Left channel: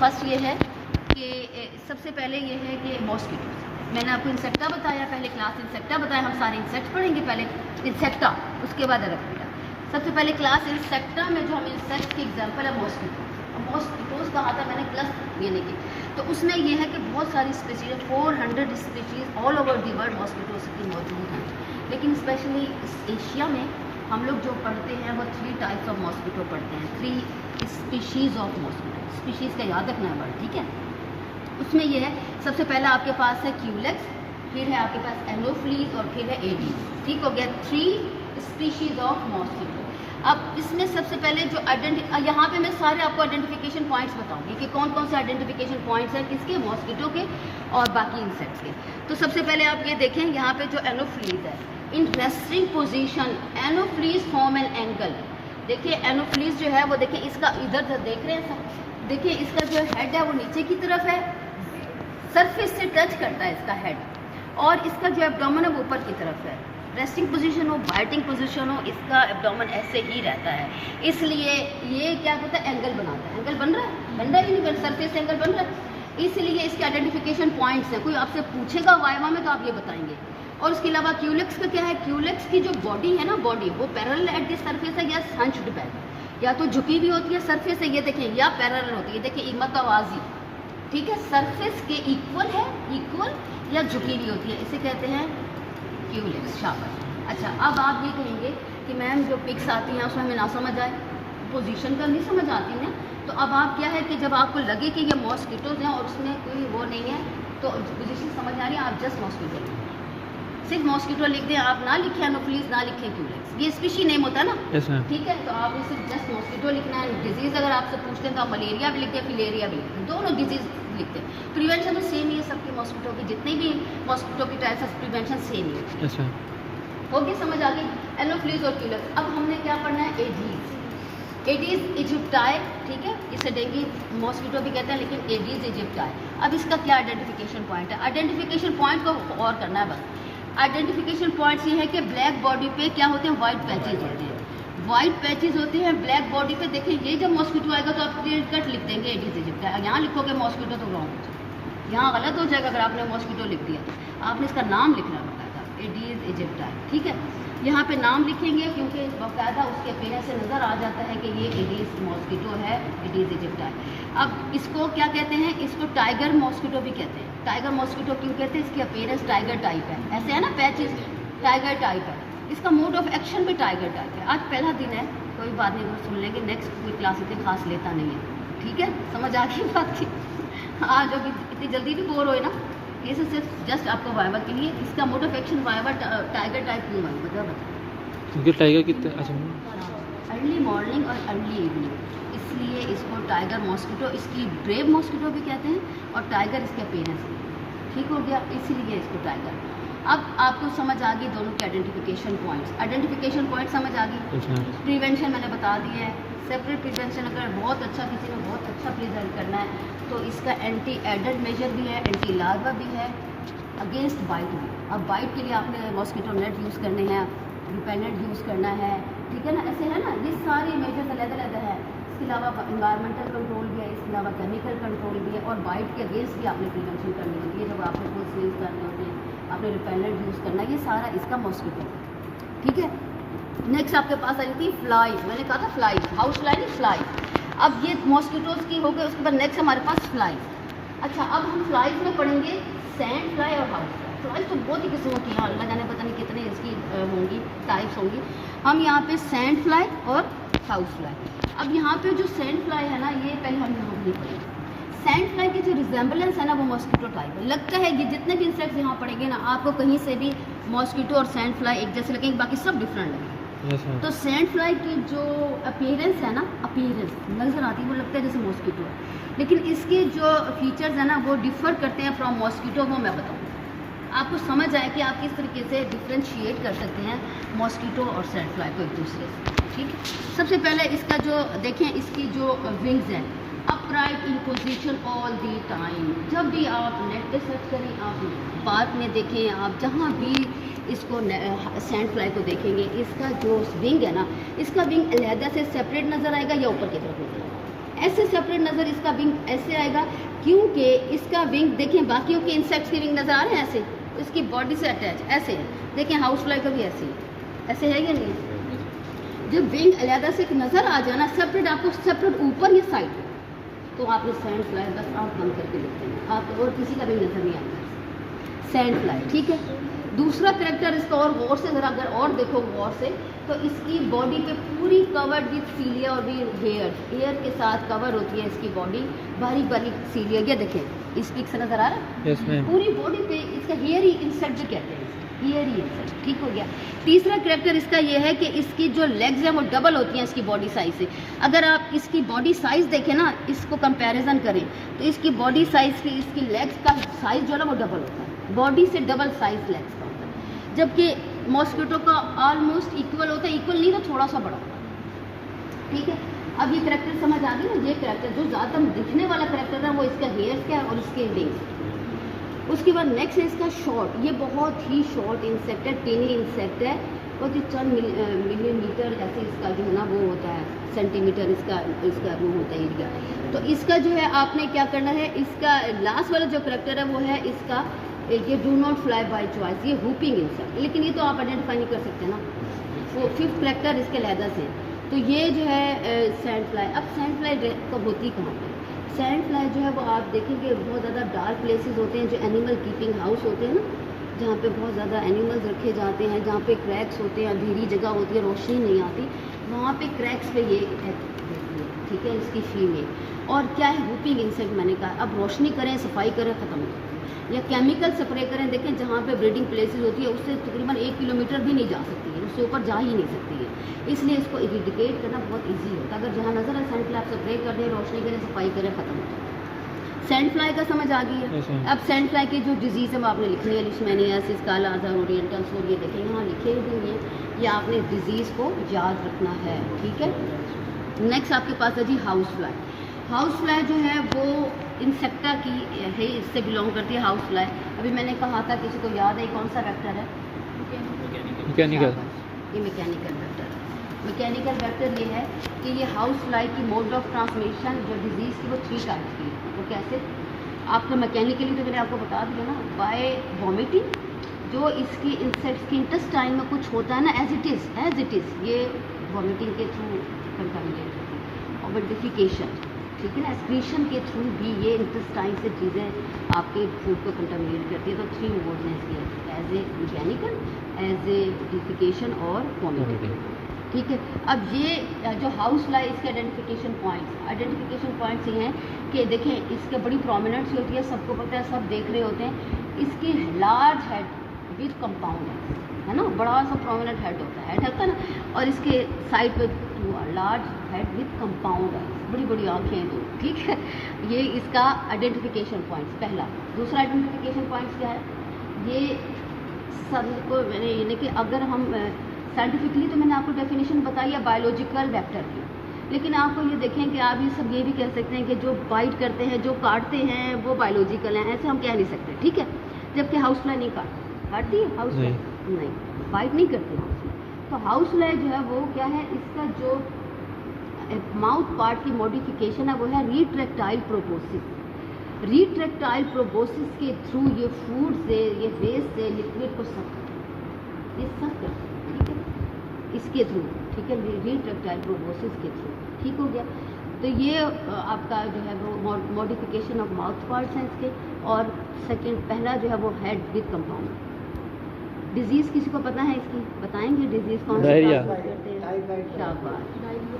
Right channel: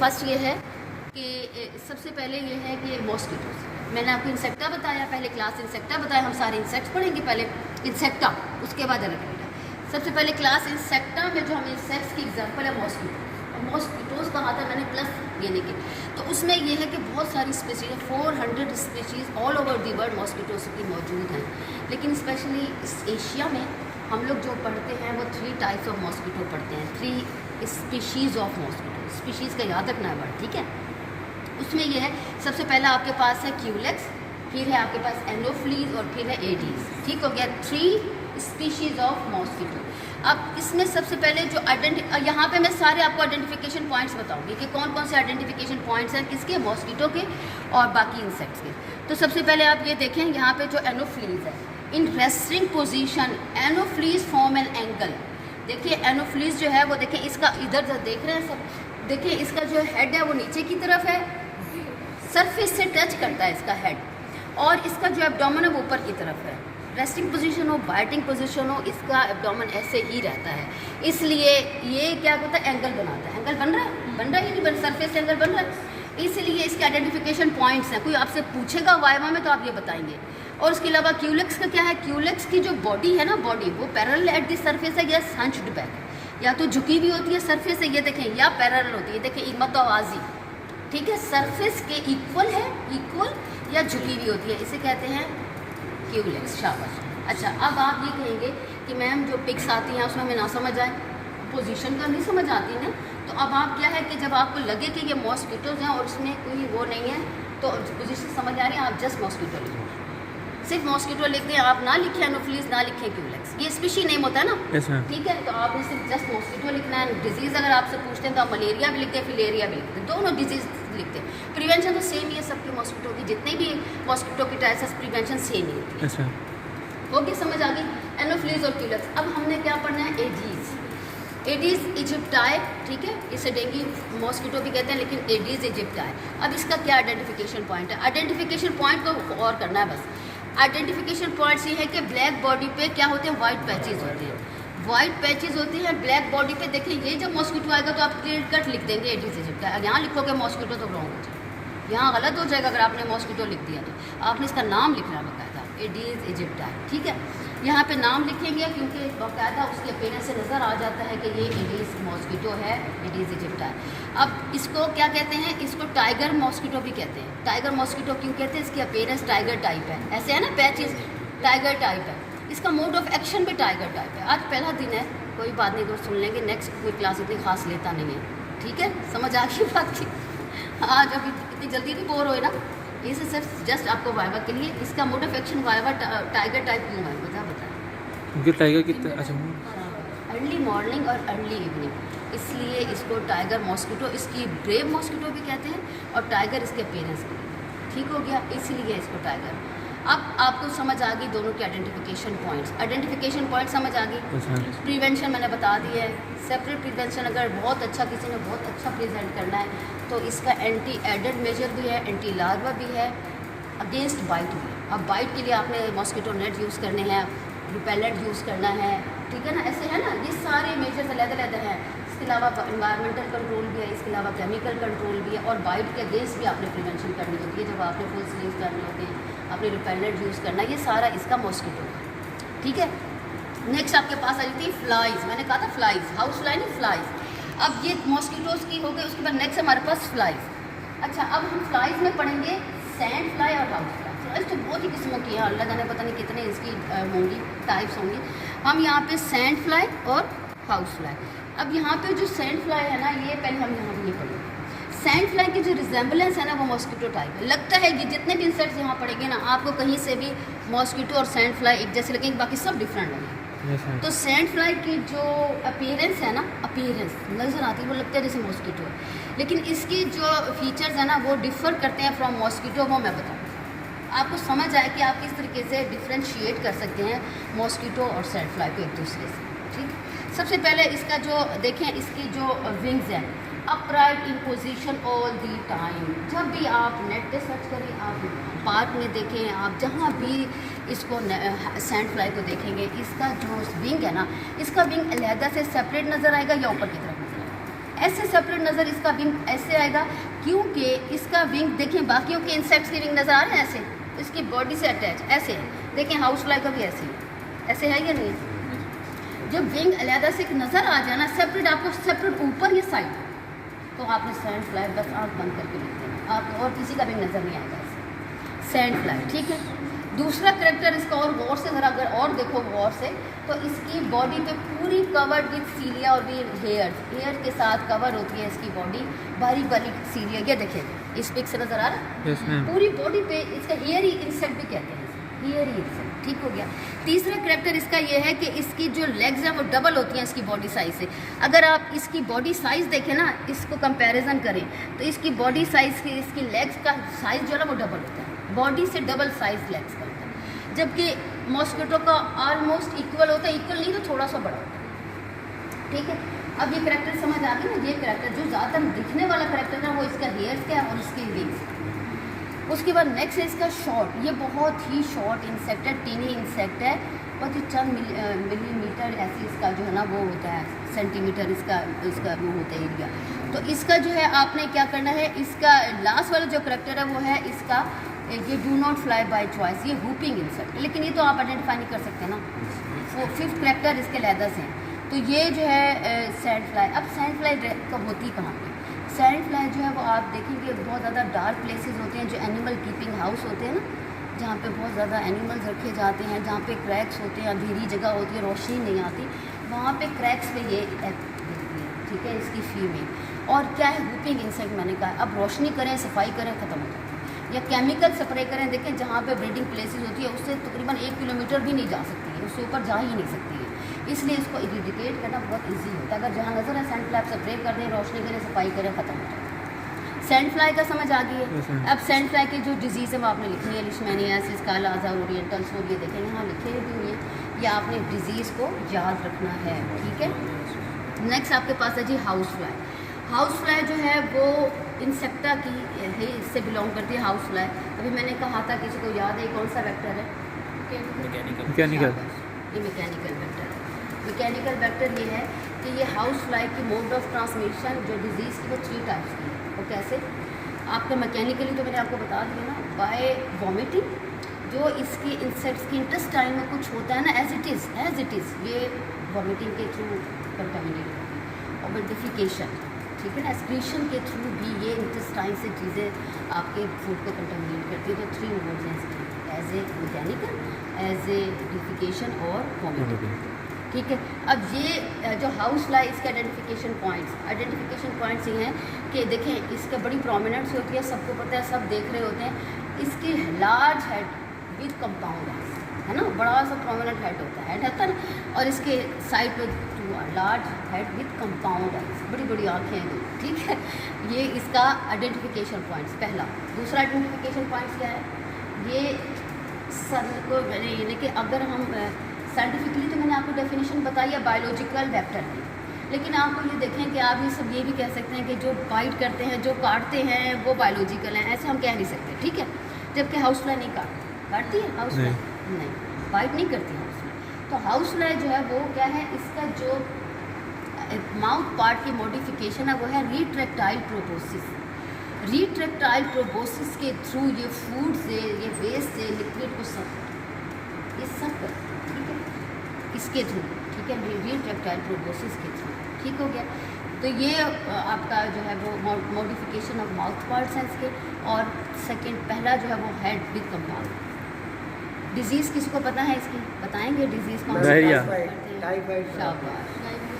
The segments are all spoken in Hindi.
फर्स्ट ये है कि सबसे पहले ये है कि मॉस्किटोज। मैंने आपको इंसेक्टा बताया, पहले क्लास इंसेक्टा बताया, हम सारे इंसेक्ट्स पढ़ेंगे पहले इंसेक्टा, उसके बाद एलेक्ट्रा। सबसे पहले क्लास इंसेक्टा में जो हम इंसेक्ट्स की एग्जांपल है मॉस्किटोज कहा था मैंने प्लस यानी कि, तो उसमें ये है कि बहुत सारी species 400 species all over the world mosquitoes की मौजूद हैं। लेकिन स्पेशली इस एशिया में हम लोग जो पढ़ते हैं वो 3 टाइप्स ऑफ मॉस्किटो पढ़ते हैं, 3 स्पीशीज़ ऑफ मॉस्किटो। स्पीशीज़ का याद रखना है वर्ड, ठीक है। उसमें ये है सबसे पहला आपके पास है क्यूलेक्स, फिर है आपके पास एनोफ्लीज और फिर है एडीज। ठीक हो गया, 3 स्पीशीज़ ऑफ मॉस्किटो। अब इसमें सबसे पहले जो यहाँ पे मैं सारे आपको आइडेंटिफिकेशन पॉइंट्स बताऊंगी कि कौन कौन से आइडेंटिफिकेशन पॉइंट्स हैं किसके, मॉस्किटो के और बाकी इंसेक्ट्स के। तो सबसे पहले आप ये देखें यहाँ पे जो एनोफ्लीज है, in resting position Anopheles form an angle. देखिए एनोफ्लीज जो है वो देखिए इसका इधर देख रहे हैं सब, देखिए इसका जो हेड है वो नीचे की तरफ है, सरफेस से टच करता है इसका हेड, और इसका जो एब्डोमेन है वो ऊपर की तरफ है। रेस्टिंग पोजीशन हो, बाइटिंग पोजीशन हो, इसका एब्डोमेन ऐसे ही रहता है, इसलिए ये क्या होता है एंगल बनाता है। एंगल बन रहा है कि नहीं बन, सरफेस से एंगल बन रहा है, इसलिए इसके आइडेंटिफिकेशन पॉइंट्स हैं। कोई आपसे पूछेगा वाइवा में तो आप ये बताएंगे। और इसके अलावा क्यूलेक्स का क्या है, क्यूलेक्स की जो बॉडी है ना, बॉडी वो पैरेलल एट दिस सरफेस है या हंच्ड बैक, या तो झुकी भी होती है सरफेस से, ये देखें, या पैरेलल होती है, देखिए इमतवाजी, ठीक है, सरफेस के इक्वल है, इक्वल या झुकी भी होती है, इसे कहते हैं क्यूलेक्स। शाबाश। अच्छा, अब आप ये कहेंगे कि मैम जो पिक्स आती हैं उसमें हमें ना समझ आए, पोजीशन का नहीं समझ आती ना, तो अब आप क्या है कि जब आपको लगे कि ये मॉस्किटोज हैं और उसमें कोई वो नहीं है तो पोजीशन समझ आ रही है, आप जस्ट मॉस्किटो लिखें, सिर्फ मॉस्किटो लिख दें, आप ना लिखें एनोफ्लीज, ना लिखें क्यूलेक्स, ये स्पीशी नेम होता है ना। yes, ठीक है, तो आप सिर्फ जस्ट मॉस्किटो लिखना है। डिजीज़ अगर आपसे पूछते हैं तो आप मलेरिया भी लिखते हैं, फिलेरिया भी लिखते हैं, दोनों डिजीज़ लिखते हैं। प्रिवेंशन तो सेम ही है सबकी, मॉस्किटो की जितने भी मॉस्किटो की टाइप्स है प्रिवेंशन सेम ही है। yes, ओके, समझ आ गई एनोफ्लीज और क्यूलेक्स। अब हमने क्या पढ़ना है, एडीज। एडीज इजिप्टाई, ठीक है, इसे डेंगू मॉस्किटो भी कहते हैं, लेकिन एडीज इजिप्टाई। अब इसका क्या आइडेंटिफिकेशन पॉइंट है, आइडेंटिफिकेशन पॉइंट को और करना है बस। आइडेंटिफिकेशन पॉइंट्स ये है कि ब्लैक बॉडी पे क्या होते हैं, वाइट पैचेज होते हैं, वाइट पैचेज होते हैं ब्लैक बॉडी पे। देखिए ये जब मॉस्किटो आएगा तो आप क्लियर कट लिख देंगे एडीज इजिप्टाई, यहाँ लिखोगे मॉस्किटो तो रॉन्ग हो जाएगा, यहाँ गलत हो जाएगा अगर आपने मॉस्किटो लिख दिया तो। आपने इसका नाम लिखना बाकायदा, एडीज इजिप्टाई, ठीक है। यहाँ पे नाम लिखेंगे क्योंकि बाकायदा उसके अपीयरेंस से नज़र आ जाता है कि ये एडीज मॉस्किटो है, एडीज इजिप्टाई। अब इसको क्या कहते हैं, इसको टाइगर मॉस्किटो भी कहते हैं। टाइगर मॉस्किटो क्यों कहते हैं, इसकी अपीयरेंस टाइगर टाइप है, ऐसे है ना पैचेस, टाइगर टाइप है, इसका मोड ऑफ एक्शन भी टाइगर टाइप है। आज पहला दिन है, कोई बात नहीं, अगर सुन लेंगे, नेक्स्ट कोई क्लास इतनी खास लेता नहीं है, ठीक है, समझ आ गई बात की। आज अभी इतनी जल्दी भी बोर होए ना, ये से सिर्फ जस्ट आपको वाइवा के लिए, इसका mode of action viva tiger type क्यों है वजह बताएं। क्योंकि टाइगर कितना, अच्छा अर्ली मॉर्निंग और अर्ली इवनिंग, इसलिए इसको टाइगर मॉस्किटो, इसकी ब्रेव मॉस्किटो भी कहते हैं, और टाइगर इसके पेरेंट्स, ठीक हो गया, इसीलिए इसको टाइगर। अब आपको समझ आ गई दोनों के आइडेंटिफिकेशन पॉइंट्स, आइडेंटिफिकेशन पॉइंट समझ आ गई। प्रिवेंशन मैंने बता दिया है, सेपरेट प्रिवेंशन अगर बहुत अच्छा किसी ने बहुत अच्छा प्रेजेंट करना है तो इसका एंटी एडेड मेजर भी है, एंटी लार्वा भी है, अगेंस्ट बाइट भी। अब बाइट के लिए आपने मॉस्किटो नेट यूज़ करने हैं, रिपेलेंट यूज़ करना है, ठीक है ना, ऐसे है ना, ये सारे मेजर्स अलग-अलग हैं। इसके अलावा इन्वायरमेंटल कंट्रोल भी है, इसके अलावा केमिकल कंट्रोल भी है, और बाइट के अगेंस्ट भी आपने प्रिवेंशन करनी होती है। जब आपने फुल स्लीव्स करने होते हैं, आपने रिपेलेंट यूज़ करना है, ये सारा इसका मॉस्किटो है, ठीक है। नेक्स्ट आपके पास आ जाती है फ्लाइज, मैंने कहा था फ्लाइज, हाउस फ्लाई नहीं फ्लाइज। अब ये मॉस्किटोज की हो गई, उसके बाद नेक्स्ट हमारे पास फ्लाइज। अच्छा, अब हम फ्लाइज में पढ़ेंगे सैंड फ्लाई और हाउस फ्लाई। फ्लाइज तो बहुत ही किस्मों की हैं, अल्लाह जाने पता नहीं कितने इसकी होंगी, टाइप्स होंगी। हम यहाँ पे सैंड फ्लाई और हाउस फ्लाई। अब यहाँ पे जो सैंड फ्लाई है ना, ये पहले हम यहाँ ये पढ़ेंगे। सैंड फ्लाई की जो रिजेंबलेंस है ना वो मॉस्किटो टाइप है, लगता है कि जितने भी इंसेक्ट्स यहाँ पढ़ेंगे ना आपको कहीं से भी मॉस्किटो और सैंड फ्लाई एक जैसे लगेंगे, बाकी सब डिफरेंट है। तो सैंड फ्लाई की जो अपीयरेंस है ना, अपीयरेंस नज़र आती है वो लगता है जैसे मॉस्किटो, लेकिन इसके जो फीचर्स हैं ना वो डिफ़र करते हैं फ्रॉम मॉस्किटो, वो मैं बताऊँ आपको समझ आए कि आप किस तरीके से डिफ्रेंशिएट कर सकते हैं मॉस्किटो और सैंड फ्लाई को एक दूसरे से, ठीक। सबसे पहले इसका जो देखें, इसकी जो विंग्स हैं upright in position all the time. जब भी आप नेट पे सर्च करें, आप पार्क में देखें, आप जहाँ भी इसको सैंड फ्लाई को देखेंगे, इसका जो विंग है ना, इसका विंग अलहदा से सेपरेट नज़र आएगा या ऊपर की तरफ नज़र आएगा, ऐसे सेपरेट नज़र इसका विंग ऐसे आएगा, क्योंकि इसका विंग देखें बाकियों के इंसेक्ट्स के विंग नज़र आ रहे हैं ऐसे, इसकी बॉडी से अटैच ऐसे है। देखें हाउस फ्लाई का भी ऐसे है, ऐसे है या नहीं? जब विंग अलहदा से नज़र आ जाए ना सेपरेट, आपको सेपरेट ऊपर ये साइड, तो आपने सैंड फ्लाई बस आँख बंद करके देखते हैं, आप और किसी का भी नज़र नहीं आएगा सैंड फ्लाई, ठीक है। दूसरा करेक्टर इसका और गौर से ज़रा अगर और देखो गौर से, तो इसकी बॉडी पे पूरी कवर्ड विथ सीलिया और भी हेयर के साथ कवर होती है इसकी बॉडी, बारीक बारीक सीलिया। ये देखें इस पिक से नज़र आ रहा है, yes, पूरी बॉडी पे इसका हेयरी इंसेक्ट भी कहते हैं, हेयरी इंसेक्ट, ठीक हो गया। तीसरा करेक्टर इसका ये है कि इसकी जो लेग्स हैं वो डबल होती हैं इसकी बॉडी साइज़ से। अगर आप इसकी बॉडी साइज़ देखें ना, इसको कंपैरिजन करें, तो इसकी बॉडी साइज़ की इसकी लेग्स का साइज़ जो है ना वो डबल होता है, बॉडी से डबल साइज़ लेग्स का होता है, जबकि मॉस्किटो का ऑलमोस्ट इक्वल होता है, इक्वल नहीं तो थोड़ा सा बड़ा होता है, ठीक है। अब ये करेक्टर समझ आ गया ना, ये करेक्टर जो ज़्यादातर दिखने वाला करेक्टर है वो इसका हेयर्स का है और इसके विंग्स। उसके बाद नेक्स्ट है इसका शॉर्ट, ये बहुत ही शॉर्ट इंसेक्ट है, टीनी इंसेक्ट है, बहुत ही चंद मिलीमीटर ऐसे इसका जो है ना वो होता है, सेंटीमीटर इसका वो होता है एरिया। तो इसका जो है आपने क्या करना है, इसका लास्ट वाला जो करेक्टर है वो है इसका ये do not fly by choice, ये हुपिंग इंसेक्ट, लेकिन ये तो आप आइडेंटिफाई नहीं कर सकते ना, वो फिफ्थ करेक्टर इसके लैदर से हैं। तो ये जो है सैंड फ्लाई। अब सैंड फ्लाई कब होती कहाँ पे? सैंड फ्लाई जो है वो आप देखेंगे बहुत ज़्यादा डार्क प्लेसेस होते हैं, जो एनिमल कीपिंग हाउस होते हैं ना, जहाँ पे बहुत ज़्यादा एनिमल्स रखे जाते हैं, जहाँ पे क्रैक्स होते हैं, अंधेरी जगह होती है, रोशनी नहीं आती, वहाँ पे क्रैक्स पे ये ठीक है इसकी फीमेल। और क्या है हुपिंग इंसेक्ट मैंने कहा, अब रोशनी करें सफाई करें ख़त्म हो जाता है, या केमिकल स्प्रे करें, देखें जहाँ पे ब्रीडिंग प्लेसेस होती है उससे तकरीबन 1 किलोमीटर भी नहीं जा सकती है, उससे ऊपर जा ही नहीं सकती है, इसलिए इसको इरिडिकेट करना बहुत ईजी होता है। अगर जहाँ नज़र है सैंड फ्लाई आप स्प्रे कर दें, रोशनी करें, सफाई करें, ख़त्म हो जाए। सैंड फ्लाई का समझ आ गई है। अब सैंड फ्लाई की जो डिजीज़ है वो आपने लिखनी है, लिशमैनियासिस, काला आज़ार, ओरिएंटल सोल, ये देखें यहाँ लिखे हुए हैं, या आपने डिजीज़ को याद रखना है, ठीक है। नेक्स्ट आपके पास है जी हाउस फ्लाई। हाउस फ्लाई जो है वो इंसेक्टा की है, इससे बिलोंग करती है हाउस फ्लाई। अभी मैंने कहा था, किसी को याद है कौन सा वेक्टर है? मैकेनिकल। ये मैकेनिकल वेक्टर है। मैकेनिकल वेक्टर ये है कि ये हाउस फ्लाई की मोड ऑफ ट्रांसमिशन जो डिजीज़ की वो 3 टाइप्स की है। वो कैसे? आपको मैकेनिकली तो मैंने आपको बता दिया ना, बाय वॉमिटिंग, जो इसकी इंसेक्ट्स की इंटेस्टाइन में कुछ होता है ना एज इट इज़ ये वॉमिटिंग के थ्रू कंटामिनेट होती है, और डिफिकेशन, ठीक है ना, एक्सक्रीशन के थ्रू भी ये इंटेस्टाइन से चीज़ें आपके फूड को कंटामिनेट करती है। तो 3 मोड्स हैं इसके, as a mechanical, as a defecation और वॉमिटिंग, ठीक है। अब ये जो हाउस फ्लाई, इसके आइडेंटिफिकेशन पॉइंट्स ये हैं कि देखें इसके बड़ी प्रोमिनेंस होती है, सबको पता है, सब देख रहे होते हैं। इसकी लार्ज हेड विद कंपाउंड है ना, बड़ा सा प्रोमिनेंट हेड होता है ना, और इसके साइड पे लार्ज हेड विद कंपाउंड है, बड़ी बड़ी आँखें हैं तो, ठीक है। ये इसका आइडेंटिफिकेशन पॉइंट्स पहला। दूसरा आइडेंटिफिकेशन पॉइंट्स क्या है? ये सर को मैंने यानी कि अगर हम साइंटिफिकली तो मैंने आपको डेफिनेशन बताई है बायोलॉजिकल वेक्टर की, लेकिन आपको ये देखें कि आप ये सब ये भी कह सकते हैं कि जो बाइट करते हैं, जो काटते हैं, वो बायोलॉजिकल हैं, ऐसे हम कह नहीं सकते, ठीक है। जबकि हाउस फ्लाई नहीं काटती है, हाउस फ्लाई नहीं बाइट नहीं करती हाउस फ्लाई। तो हाउस फ्लाई जो है वो क्या है, इसका जो माउथ पार्ट की मॉडिफिकेशन है वो है रिट्रैक्टाइल प्रोबोसिस। रिट्रैक्टाइल प्रोबोसिस के थ्रू ये फूड से, ये वेस्ट से लिक्विड को सब करते हैं, ठीक है, इसके थ्रू, ठीक है, रिट्रैक्टाइल प्रोबोसिस के थ्रू, ठीक हो गया। तो ये आपका जो है वो मॉडिफिकेशन ऑफ माउथ पार्ट्स हैं इसके। और सेकंड, पहला जो है वो हेड विद कंपाउंड। डिजीज़ किसी को पता है इसकी? बताएंगे डिजीज़ कौन सी? डायरिया,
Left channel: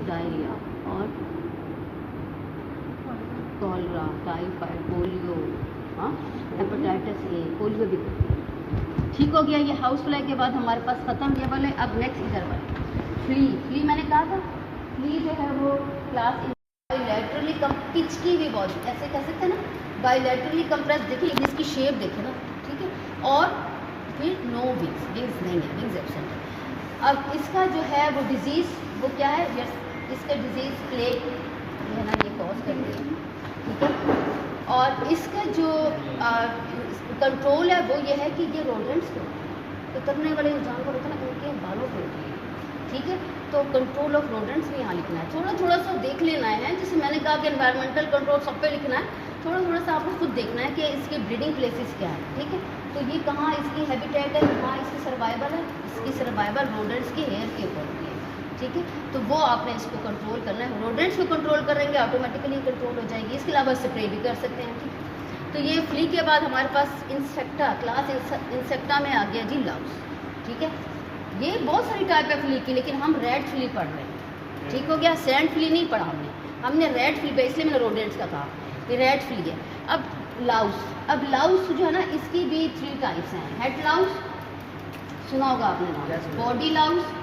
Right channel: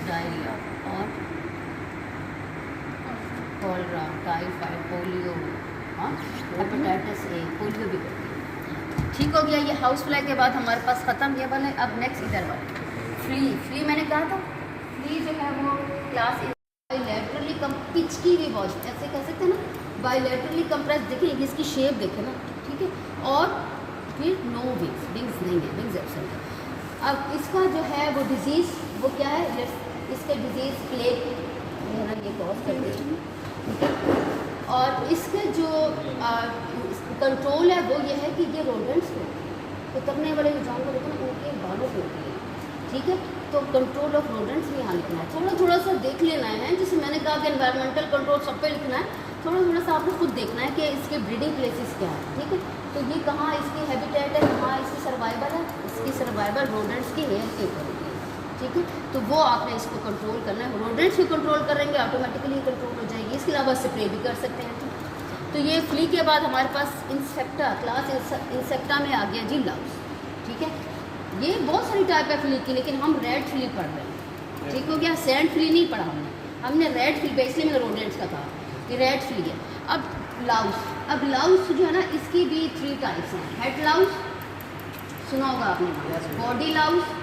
डायरिया और कॉलरा, टाइफाइड, पोलियो, हाँ, हेपेटाइटिस ए, पोलियो भी करती है, ठीक हो गया। ये हाउस फ्लाई के बाद हमारे पास ख़त्म ये वाले। अब नेक्स्ट इधर वाले फ्ली मैंने कहा था, फ्ली जो है वो क्लास बायोलैटरली पिचकी हुई बॉडी, ऐसे कह सकते हैं ना, बायोलैटरली कंप्रेस। देखिए इसकी शेप देखो ना, ठीक है, और फिर नो विंग्स नहीं है, विंग्स एब्सेंट है। अब इसका जो है वो डिजीज़ वो क्या है, जस्ट इसका डिजीज़ प्लेग है ना, ये क्रॉस कर देती, ठीक है। और इसका जो कंट्रोल है वो ये है कि ये रोडेंट्स को, तो करने वाले जो जानवर होते हैं ना, उनके बालों पे होती है, ठीक है। तो कंट्रोल ऑफ रोडेंट्स भी यहाँ लिखना है, थोड़ा थोड़ा सा देख लेना है। जैसे मैंने कहा कि एनवायरमेंटल कंट्रोल सब पे लिखना है, थोड़ा थोड़ा सा आपको खुद देखना है कि इसके ब्रीडिंग प्लेसेस क्या है, ठीक है। तो ये कहाँ इसकी हैबिटेट है, कहाँ इसकी सर्वाइवल है, इसकी सर्वाइवल रोडेंट्स के हेयर के ऊपर होती है, ठीक है। तो वो आपने इसको कंट्रोल करना है। रोडेंट्स को कंट्रोल करेंगे ऑटोमेटिकली कंट्रोल हो जाएगी। इसके अलावा स्प्रे भी कर सकते हैं, ठीक है। तो ये फ्ली के बाद हमारे पास इंसेक्टा, क्लास इंसेक्टा में आ गया जी लाउस, ठीक है। ये बहुत सारी टाइप है फ्ली की, लेकिन हम रेड फ्ली पढ़ रहे हैं, ठीक हो गया। सैंड फ्ली नहीं पढ़ा हमने रेड फ्ली पे, इसलिए मैंने रोडेंट्स का कहा, ये रेड फ्ली है। अब लाउस, अब लाउस जो है ना, इसकी भी 3 टाइप्स हैं। हेड लाउस सुना होगा आपने, बॉडी लाउस,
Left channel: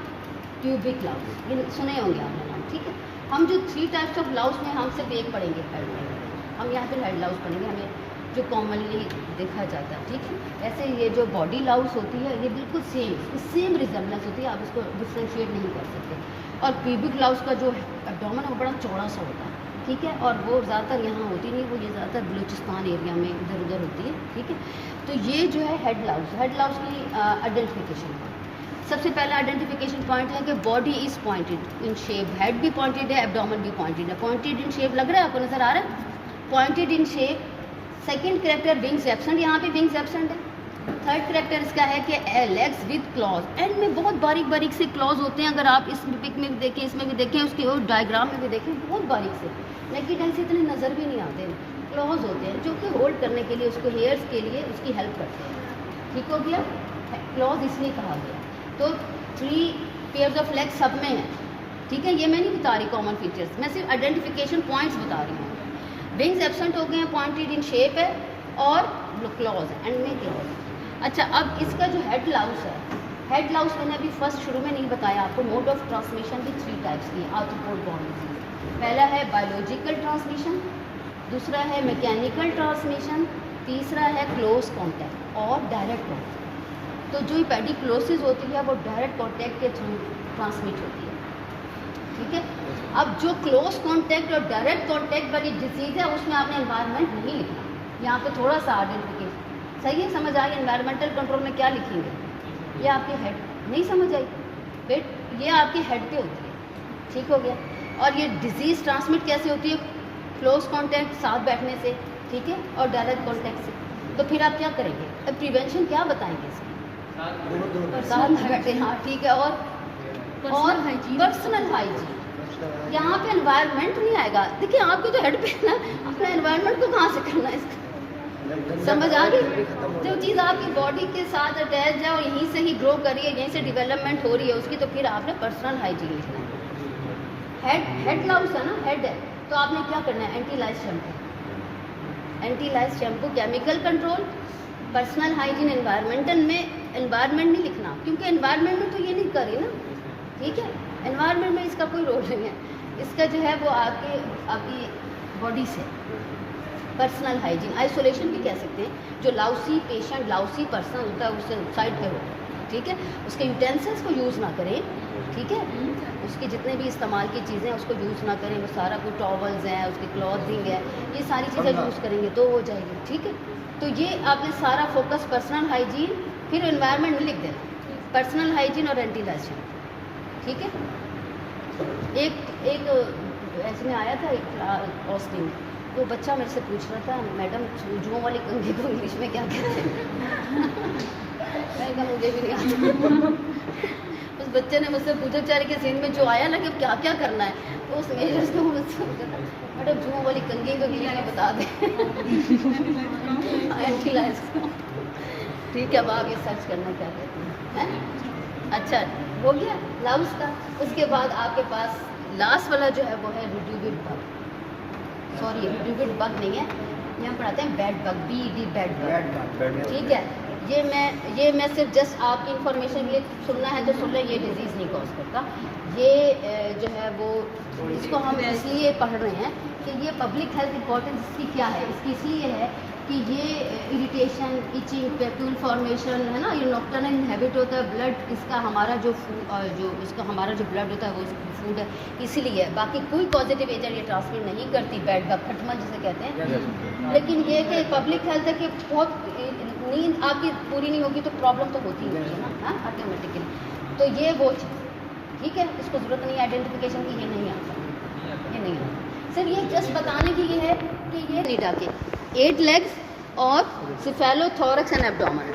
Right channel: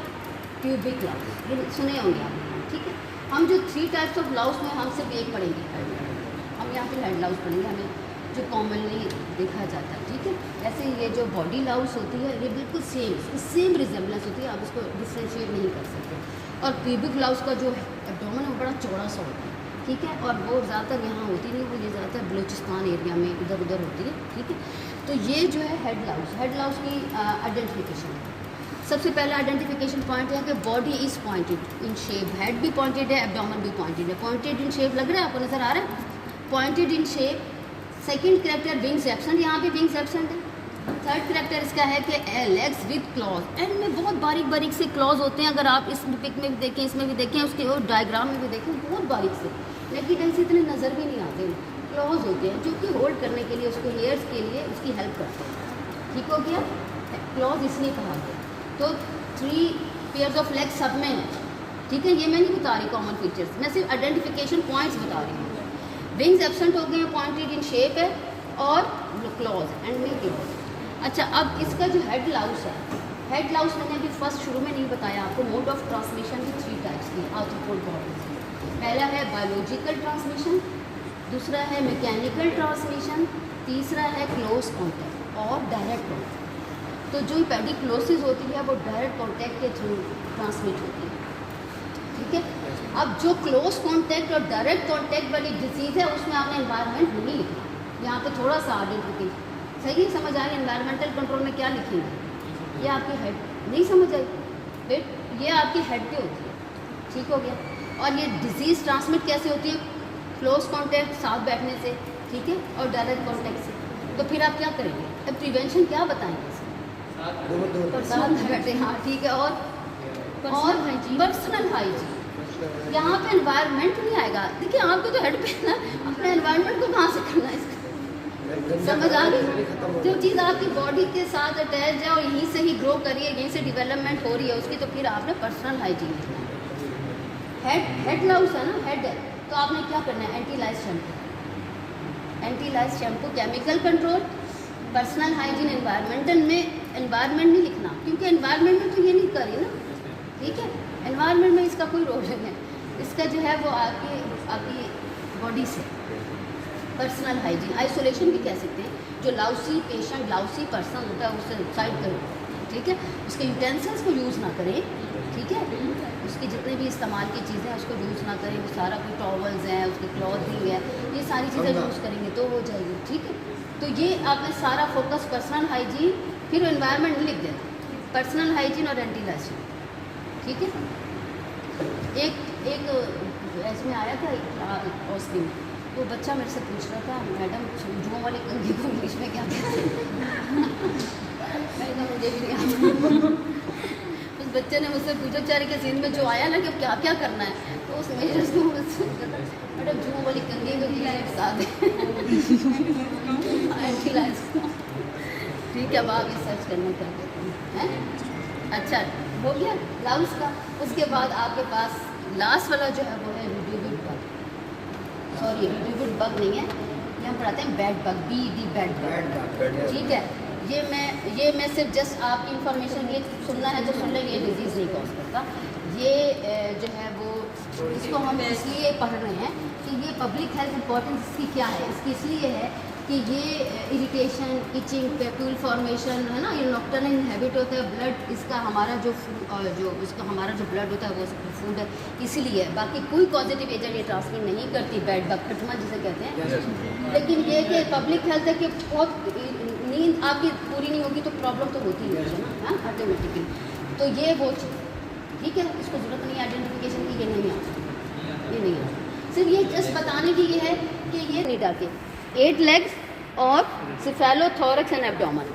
ट्यूबिक लाउस, ये सुने होंगे आपने, ठीक है। हम जो 3 टाइप्स ऑफ लाउस में हम सिर्फ एक पढ़ेंगे, हेड लाउस। हम यहाँ पे हेड लाउस पढ़ेंगे, हमें जो कॉमनली देखा जाता है, ठीक है। ऐसे ये जो बॉडी लाउस होती है, ये बिल्कुल सेम रिजेम्बलेंस होती है, आप इसको डिफ्रेंशिएट नहीं कर सकते। और ट्यूबिक लाउस का जो एब्डोमेन है बड़ा चौड़ा सा होता है, ठीक है। और वो ज़्यादातर यहाँ होती नहीं, वो ये ज़्यादातर बलूचिस्तान एरिया में इधर उधर होती है, ठीक है। तो ये जो है हेड लाउस की आइडेंटिफिकेशन है। सबसे पहला आइडेंटिफिकेशन पॉइंट है कि body is pointed in shape, head भी पॉइंटेड है, एब्डोमेन भी पॉइंटेड है। पॉइंटेड इन शेप लग रहा है आपको, नजर आ रहा है, pointed in shape. Second character wings absent, यहाँ पे विंग्स एब्सेंट है। थर्ड करेक्टर इसका है कि लेग्स विद क्लॉज, एंड में बहुत बारीक बारीक से क्लॉज होते हैं। अगर आप इस पिक में भी देखें, इसमें भी देखें, उसके और डायग्राम में भी देखें, बहुत बारीक से, नेकेड आई से इतने नज़र भी नहीं आते, क्लॉज होते हैं जो कि होल्ड करने के लिए, उसको हेयर्स के लिए उसकी हेल्प करते हैं, ठीक हो गया। क्लॉज इसलिए कहा गया। तो 3 पेयर्स ऑफ लेग्स सब में है, ठीक है। ये मैं नहीं बता रही कॉमन फीचर्स, मैं सिर्फ आइडेंटिफिकेशन पॉइंट्स बता रही हूँ। विंग्स एब्सेंट हो गए हैं, पॉइंटेड इन शेप है, और क्लॉज है, एंड में क्लॉज। अच्छा, अब इसका जो हेड लाउस है, हेड लाउस मैंने अभी फर्स्ट शुरू में नहीं बताया आपको। मोड ऑफ ट्रांसमिशन भी 3 टाइप्स की आर्थ्रोपोड बॉडीज। पहला है बायोलॉजिकल ट्रांसमिशन, दूसरा है मैकेनिकल ट्रांसमिशन, तीसरा है क्लोज कॉन्टैक्ट और डायरेक्ट कॉन्टैक्ट। तो जो पेडिक्लोसिस होती है वो डायरेक्ट कॉन्टैक्ट के थ्रू ट्रांसमिट होती है, ठीक है। अब जो क्लोज कॉन्टैक्ट और डायरेक्ट कॉन्टैक्ट वाली डिजीज़ है, उसमें आपने एनवायरनमेंट नहीं लिखा, यहाँ पे थोड़ा सा आइडेंटिफिकेशन सही है, समझ आई। एनवायरमेंटल कंट्रोल में क्या लिखेंगे, ये आपकी हेड नहीं समझ आई, वेट, ये आपकी हेड पे होती है, ठीक हो गया। और ये डिजीज़ ट्रांसमिट कैसे होती है, क्लोज कॉन्टैक्ट, साथ बैठने से, ठीक है, और डायरेक्ट कॉन्टैक्ट से। तो फिर आप क्या करेंगे, अब प्रिवेंशन क्या बताएंगे इसमें, साथ बैठे, हाँ ठीक है। और पर्सनल हाइजीन, यहाँ पे एनवायरनमेंट नहीं आएगा। देखिए आपको जो हेड पे है ना, अपने एनवायरनमेंट को कहाँ से करना है, इसका समझ आ गई। जो चीज़ आपकी बॉडी के साथ अटैच है और यहीं से ही ग्रो करिए, यहीं से डेवलपमेंट हो रही है उसकी, तो फिर आपने पर्सनल हाइजीन लिखना है। हेड लाउस है ना, हेड है, तो आपने क्या करना है, एंटीलाइज shampoo, chemical control, personal hygiene. Environmental में एनवायरनमेंट नहीं लिखना, क्योंकि एनवायरनमेंट में तो ये नहीं करी ना, ठीक है। एनवायरनमेंट में इसका कोई रोल नहीं है, इसका जो है वो आपकी बॉडी से। पर्सनल हाइजीन, आइसोलेशन भी कह सकते हैं। जो लाउसी पेशेंट, लाउसी पर्सन होता है उससे साइड करो, ठीक है। उसके यूटेंसिल्स को यूज़ ना करें, ठीक है। उसके जितने भी इस्तेमाल की चीज़ें उसको यूज़ ना करें, वो सारा कोई टॉवल्स हैं, उसकी क्लॉथिंग है, ये सारी चीज़ें यूज़ करेंगे तो हो जाएगी, ठीक है। तो ये आपने सारा फोकस पर्सनल हाइजीन, फिर एनवायरनमेंट लिख देना, पर्सनल हाइजीन और एंटीलाइजेशन, ठीक है। एक इसमें आया था एक हॉस्पिटल, वो बच्चा मेरे से पूछ रहा था, मैडम जुओं वाली कंघी को इंग्लिश में क्या कहते हैं। मैं कहा मुझे भी नहीं आता। उस बच्चे ने मुझसे पूछा, बेचारे के सीन में जो आया ना कि क्या क्या करना है, तो उस एज को मुझसे मैडम जुओं वाली कंघी को नहीं बता दें, ठीक है। अब आप ये सर्च करने क्या कहते हैं। अच्छा हो गया लाउस का। उसके बाद आपके पास लास्ट वाला जो है वो है रिड्यूबिड बग, सॉरी रिड्यूबिड बग नहीं है, ये हम पढ़ाते हैं bed bug, BED bed bug, ठीक है। ये मैं सिर्फ जस्ट आपकी इंफॉर्मेशन लिए सुनना है तो सुन लें, ये डिजीज़ नहीं कॉज करता। ये जो है वो इसको हम इसलिए पढ़ रहे हैं कि ये पब्लिक हेल्थ इंपॉर्टेंस इसकी क्या है, इसकी इसलिए है कि ये इरिटेशन, इचिंग, पेट्यूल फॉर्मेशन है ना, ये नॉक्टर्नल हैबिट होता है। ब्लड इसका हमारा जो ब्लड होता है वो फूड है, इसीलिए। बाकी कोई पॉजिटिव एजेंट ये ट्रांसमिट नहीं करती, बेड बग, खटमा जिसे कहते हैं। लेकिन ये कि पब्लिक हेल्थ है कि बहुत नींद आपकी पूरी नहीं होगी तो प्रॉब्लम तो होती ही है ना, हाँ ऑटोमेटिकली। तो ये वो चीज़, ठीक है, इसको ज़रूरत नहीं है आइडेंटिफिकेशन की, ये नहीं आता, ये नहीं आता। सिर्फ ये जस्ट बताने की ये है कि ये नीटा के 8 लेग्स और सिफेलोथोरक्स एंड एब्डोमेन।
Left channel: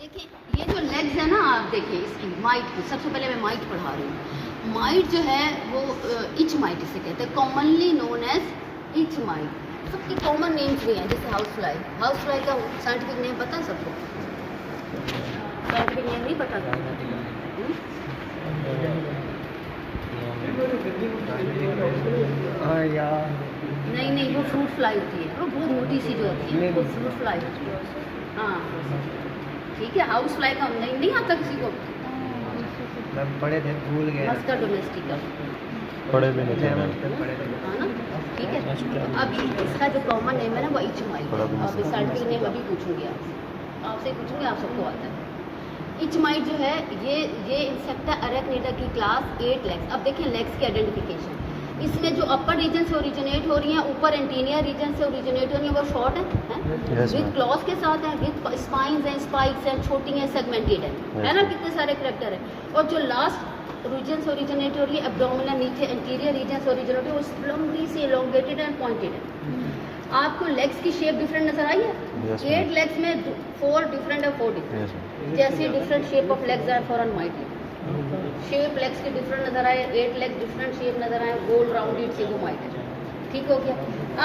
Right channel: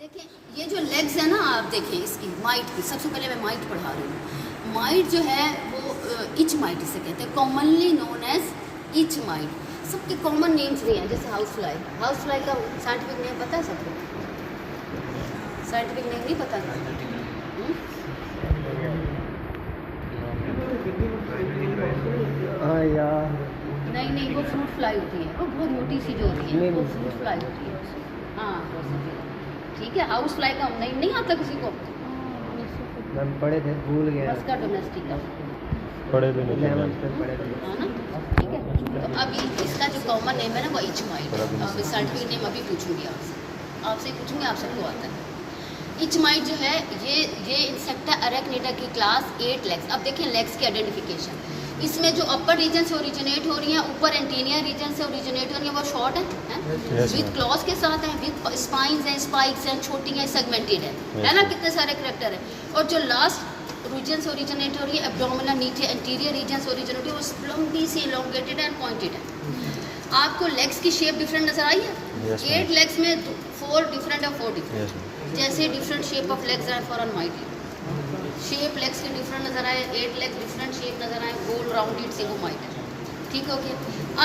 देखिए ये जो लेग्स है ना, आप देखिए इसकी माइट की, सबसे पहले मैं माइट पढ़ा रही हूँ। माइट जो है वो इच माइट इसे कहते हैं, commonly known as itch mite. सबके कॉमन नेम्स भी हैं, जैसे हाउस फ्लाई। हाउस फ्लाई का साइंटिफिक नेम पता है सबको? साइंटिफिक नेम नहीं पता था? हाँ यार, नहीं, वो फ्रूट फ्लाई होती है, वो बहुत मोटी सी जो होती है वो फ्रूट फ्लाई होती है। हाँ ठीक है, हाउस फ्लाई का नहीं आता किसी को? मैम पढ़े थे, भूल गए। मस्का डोमेस्टिका पढ़े भी नहीं थे मैम। पढ़े थे। हाँ ना, ठीक है। तो अभी इसका जो कॉमन नेम है ना वो इच माइट। अब साइंटिफिक नेम अभी पूछूंगी आपसे पूछूंगी, आप सबको आता है। इच माइट जो है ये इंसेक्टा अरेक्निडा की क्लास 8 लेग्स। अब देखें लेग्स की आइडेंटिफिकेशन, इसमें जो अपर रीजन से ओरिजिनेट हो रही हैं, ऊपर एंटीनियर रीजन से ओरिजिनेट हो रही हैं, वो शॉर्ट है विद क्लॉज के साथ है, विद स्पाइंस हैं, स्पाइक्स हैं, छोटी हैं, सेगमेंटेड है ना, कितने सारे करेक्टर हैं। और जो लास्ट रीजन से ओरिजिनेट हो रही है एब्डोमिनल, नीचे एंटीरियर रीजन से ओरिजिनेट हो रही है, वो लंबी सी एलोंगेटेड एंड पॉइंटेड है। आपको लेग्स की शेप डिफरेंट नजर आई है? 8 लेग्स में 4 डिफरेंट है, 4 डिफरेंट। जैसे different shape of legs are four on mite shape, legs के डिफरेंट नजर आए, 8 लेग डिफरेंट शेप नजर आए, गोल राउंडेड सिगोमाइट है। ठीक हो गया।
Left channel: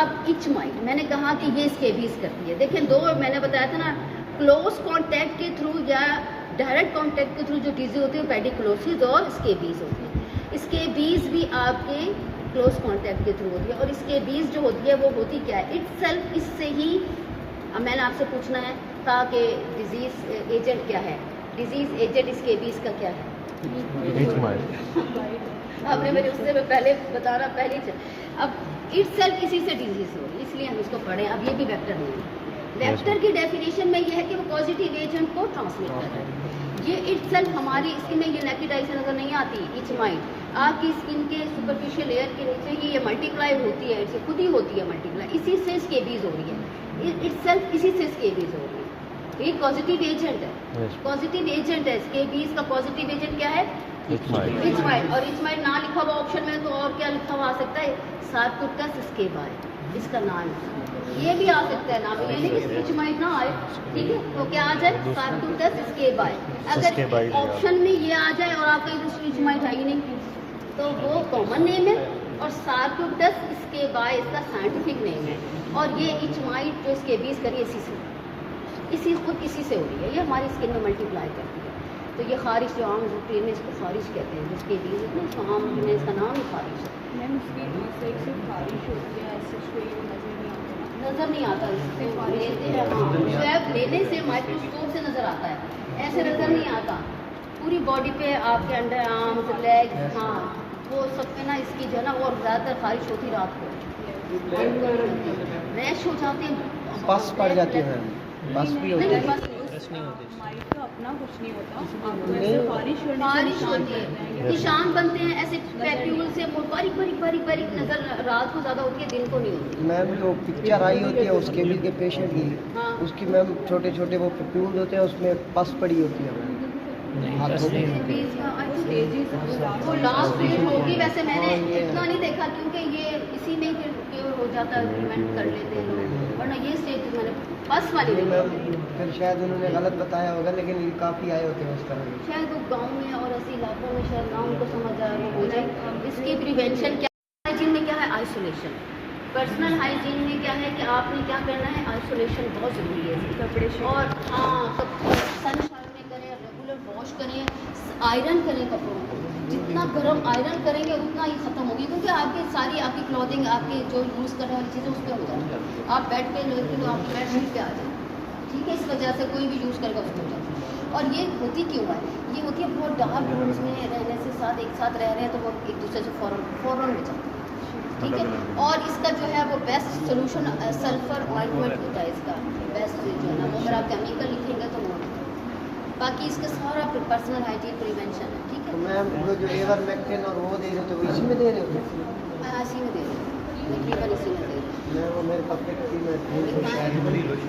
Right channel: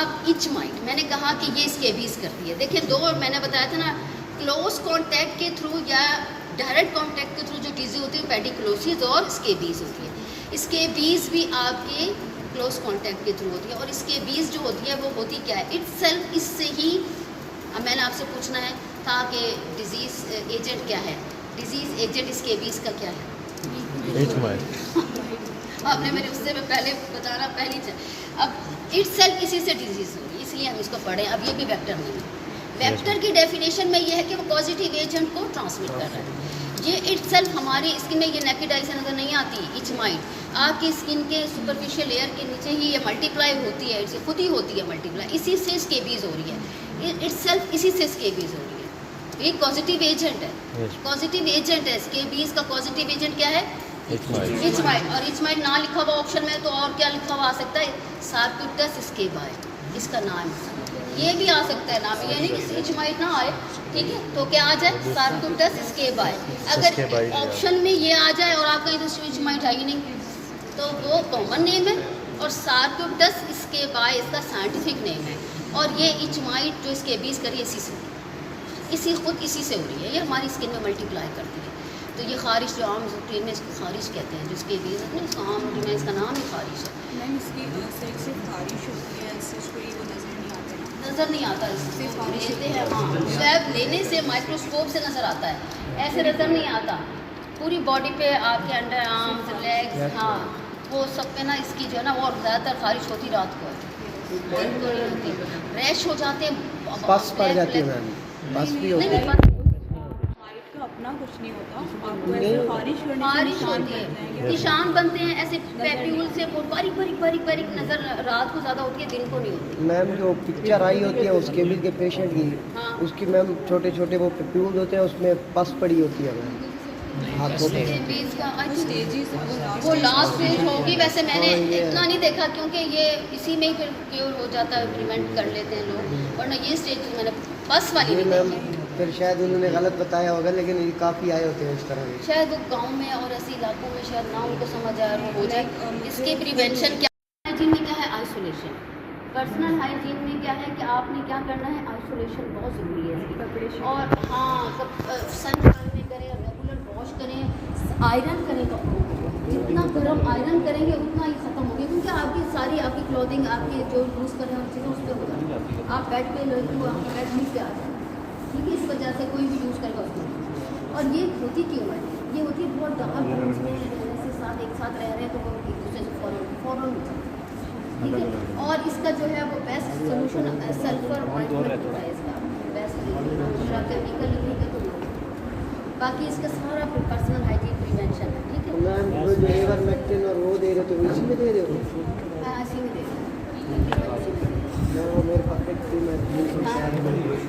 अब इच माइट मैंने कहा कि ये स्केबीज करती है। देखें दो मैंने बताया था ना, क्लोज कॉन्टैक्ट के थ्रू या डायरेक्ट कॉन्टैक्ट के थ्रू जो चीज़ें होती है पेडिकुलोसिस और स्केबीज होती है। स्केबीज भी आपके क्लोज कॉन्टैक्ट के थ्रू होती है। और स्केबीज जो होती है वो होती क्या है, इटसेल्फ इससे ही मैंने आपसे पूछना है था कि डिजीज़ एजेंट क्या है। डिजीज़ एजेंट स्केबीज का क्या है? आपने मेरे उससे पहले बताना पहली चीज। अब इटसेल्फ इसी से डिजीज़ हो रही है, इसलिए हम इसको पढ़ें। अब ये भी वेक्टर नहीं है। वेक्टर की डेफिनेशन में ये है कि वो पॉजिटिव एजेंट को ट्रांसमिट कर रहा है। ये इटसेल्फ हमारी स्किन में ये नेकेड आई से नजर नहीं आती। इच माइट आपकी स्किन के सुपरफिशियल लेयर के नीचे ही ये मल्टीप्लाई होती है, इससे खुद ही होती है मल्टीप्लाई, इसी से स्केबीज हो रही है। इटसेल्फ इसी से स्केबीज हो रही है। ये पॉजिटिव एजेंट है, पॉजिटिव एजेंट है। स्केबीज का पॉजिटिव एजेंट क्या है? Etch might. और इच माइट ना लिखा हुआ ऑप्शन में तो और क्या लिखा हुआ आ सकता है? सार्कोप्टेस स्केबाई, इसका नाम ये भी आ सकता है नाम, ये नहीं कि इच माइट ना आए। ठीक है, तो क्या आ जाए? सार्कोप्टेस स्केबाई। अगर ऑप्शन में ये आ जाए और आपका इधर इच माइट है ही नहीं तो वो कॉमन नेम है, और सार्कोप्टेस स्केबाई इसका साइंटिफिक नेम है। और ये इच माइट जो स्केबीज करी इसी से हो रही है, ये हमारी स्किन में मल्टीप्लाई करती है। तो ये खारिश जो आम ट्रेन में इसको खारिश कहते हैं, जिसके बीज होते हैं इसका आम में इसका नाम ही खारिश है। नज़र नहीं आता, इससे लेते हैं स्वैब लेने से माइक्रोस्कोप से नज़र आता है, ऐसे नज़र नहीं आता। पूरी बॉडी पे आपके अंडर आर्म्स, लेग्स, हाँ वो सब पे ना इसकी जो है ना, और ज़्यादातर खारिश होती रात को, दिन को नहीं होती। रैश हो जाते हैं, बस पड़ जाती है, बस भी होती है। बारिश होती है, निशान बनते हैं ऐसे पैप्यूल से, बारीक नजर रात को ज़्यादा होती है, दिन को नहीं होती। मैम जो पिक्चर आई होती है उसके भी के पेशेंट की, उसकी मैम छोटे छोटे वो पैप्यूल होते हैं, उसमें पस पड़ी होती है हाथों पे। वो लास्ट स्टेज होगी वैसे, मैंने इतना नहीं देखा क्योंकि ये इसी में ही फिर क्योर हो जाता है, प्रिवेंट कर लेते हैं लोग, वरना ये स्टेज मैंने बस वाली नहीं देखी। फिर शायद उन्होंने गलत बताया होगा, लेकिन ये काफ़ी आए होते हैं इस तरह के। शायद वो गांव में और ऐसे इलाकों में शायद ना उनको समझ आए, वो हो जाए। इसकी प्रिवेंशन क्या, हाइजीन में क्या है? आइसोलेशन। पर्सनल हाइजीन में क्या है कि आपने क्या करना है? आइसोलेशन बहुत ज़रूरी है कपड़े। और हाँ, सन में करें, रेगुलर वॉश करें, आयरन करें कपड़ों को। जितना गर्म आयरन करेंगे उतना ही ख़त्म होगी, क्योंकि आपकी क्लॉथिंग, आपकी जो यूज़ करने वाली चीज़ें उस पर हो जाती है। आप बेड पे लगते हो, आपकी बेड शीट पे आ जाए, ठीक है, इस वजह से कोई भी यूज़ करेगा उसको। और ये होती क्यों है? ये होती है बहुत डार्क रूम्स में रहने से, एक साथ रह रहे हैं तो वो एक दूसरे से फ़ौरन हो जाते हैं, ठीक है। और इसका जो है वो बेस्ट सोल्यूशन सल्फर ऑइंटमेंट होता है, इसका बेस्ट जो है ना, अगर आप केमिकल लिखेंगे तो वो, बाकी इसका सारा पर्सनल हाइजीन प्रिवेंशन है, ठीक है। तो मैम जो इवरमेक्टिन और वो दे रहे थे, वो इसी में दे रहे हो? मैं इसी में दे रही हूँ, तकरीबन इसी में दे रही हूँ। वो मेरे पास एक थी, मैं भूल गई।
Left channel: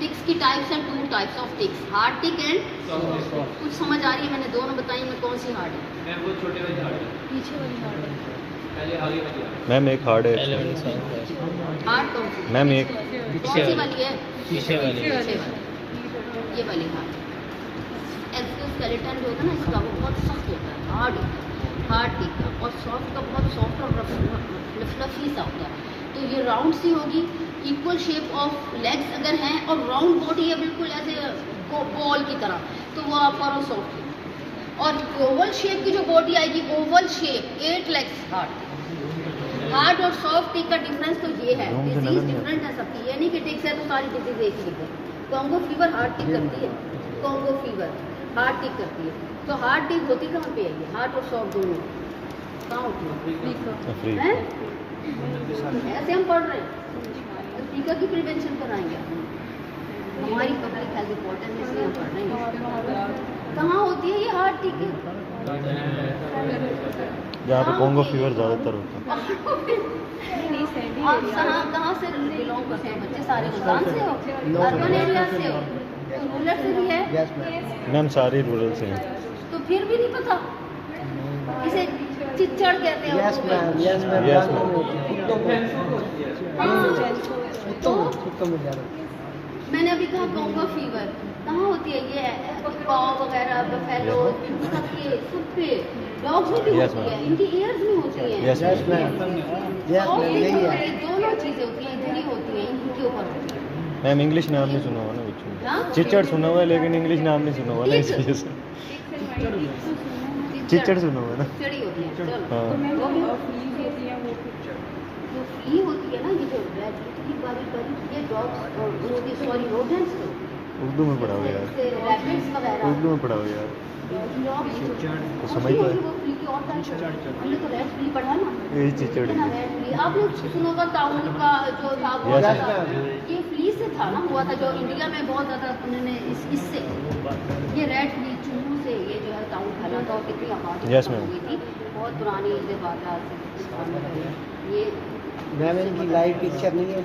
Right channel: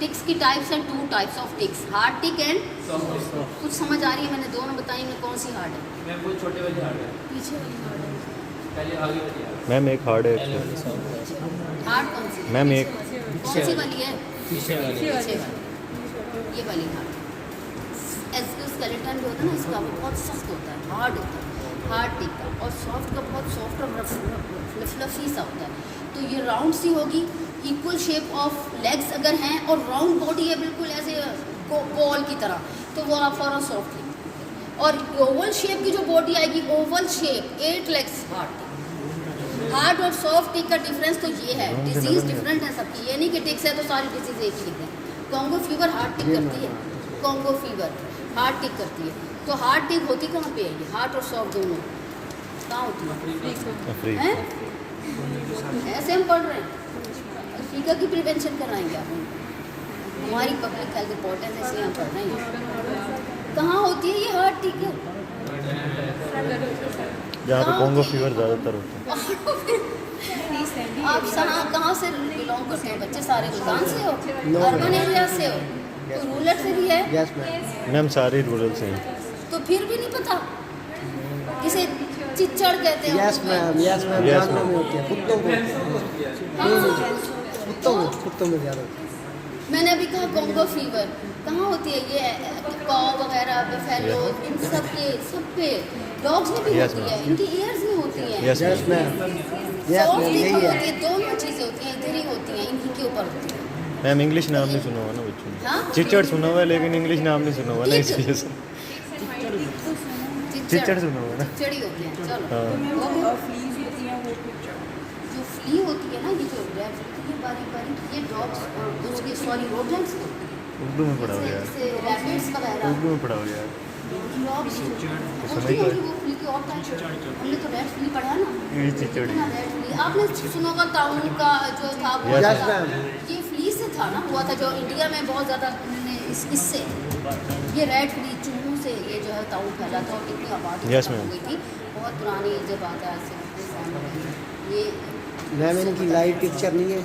टिक्स की टाइप्स हैं, 2 types of ticks, hard tick and कुछ समझ आ रही है? मैंने दोनों बताई, में कौन सी हार्ड है? मैम वो छोटे वाली हार्ड है, पीछे वाली हार्ड है। पहले आगे वाली हार्ड है। मैम एक हार्ड है हार्ड कौन सी? मैम एक कौन सी वाली है? पीछे वाली पीछे वाली, ये वाली हार्ड। स्केलेटन जो होता है ना इसका, वो बहुत सख्त होता है, हार्ड होता है, हार्ड टिक का। और सॉफ्ट का बहुत सॉफ्ट और फ्लफी सा होता है। तो ये राउंड सी होगी, इक्वल शेप ऑफ लेग्स अगर हैं और राउंड बॉडी है बिल्कुल ऐसे बॉल की तरह, तो वो आप फॉरन सॉफ्ट है। और ओवल शेप की जो बॉडी आएगी, ओवल शेप, 8 लेग्स हार्ड और सॉफ्ट टिक का डिफरेंस तो ये है। डिजीज डिफरेंट है सबकी, ये नहीं कि टिक्स है तो सारी डिजीज एक ही है। कॉन्गो फीवर हार्ड टिक करती है, कॉन्गो फीवर हार्ड टिक करती है। तो हार्ड टिक होती कहाँ पे है? ये हार्ड और सॉफ्ट दोनों कहाँ होती है? अफ्रीका हैं? ऐसे हम पढ़ रहे हैं, अफ्रीका की प्रिवेंशन कराएंगे आप। हमारी पब्लिक हेल्थ इंपॉर्टेंस है इसलिए हम पढ़ रहे हैं। कहाँ होती है ये हार्ड टिक? जहाँ पे कॉन्गो फीवर ज़्यादातर होता है। आप कहाँ से बिलोंग करते हैं बच्चे? सारे गुलदान से हो, अर्बन एरिया से हो, रूरल से भी है? Yes ma'am. मैम सारे रूरल से हैं। तो फिर भी नहीं पता किसे चिच्चड़ कहते हैं? Yes ma'am, yes ma'am, Yes, जानवर ma'am. में होती है, कुत्तों में, कुत्तों में ज़्यादा होती है। मैंने अभी कहा कॉन्गो फीवर कहाँ होती है? ये कॉ वगैरह, बफेलो, इन सब पे, डॉग्स में भी Yes, होती है, ma'am. इनकी ईयर्स में होती है। Yes, yes ma'am, yes soft ma'am, tick यही होती है। है, दोनों चीज़ें होती हैं, इधर ही होती हैं, इन्हीं के ऊपर होती है। मैम इंग्लिश नाम नहीं सुना हुआ ना बच्चों ने। हाँ? चिच्चड़ सुना हुआ है लेकिन इंग्लिश नाम नहीं सुना हुआ ना, इस वजह से चिच्चड़ सुना हुआ है ना। चिड़ी होते हैं। चलो हाँ वो भी जो फ्ली होती है ना, ये जो ब्लैक फ्ली, ये बारीक बारीक, ये डॉग्स और उसके सॉरी रोडेंट्स, उर्दू में पढ़ाओ यार, जैसे रैबिट्स वगैरह, उर्दू में पढ़ाओ यार। तो समझ तो है। वो फ्ली की और टाइप है। हमने तो रेड फ्ली पढ़ा ना, यही चिच्चड़ ना रेड फ्ली। आपने सुना होगा ताउन का जो था वो Yes, था, ma'am. ये फ्ली से था ना, हुआ था जो इंडिया में बहुत ज़्यादा उन्होंने इससे, ये रेड फ्ली चूहों से ये जो है ताउन फैला था और कितनी आबादी Yes, खत्म ma'am. हो गई थी। बहुत पुरानी जब बात है, आज से 50 साल हो गए। ये मैम इनकी लाइव पिक्चर नहीं है।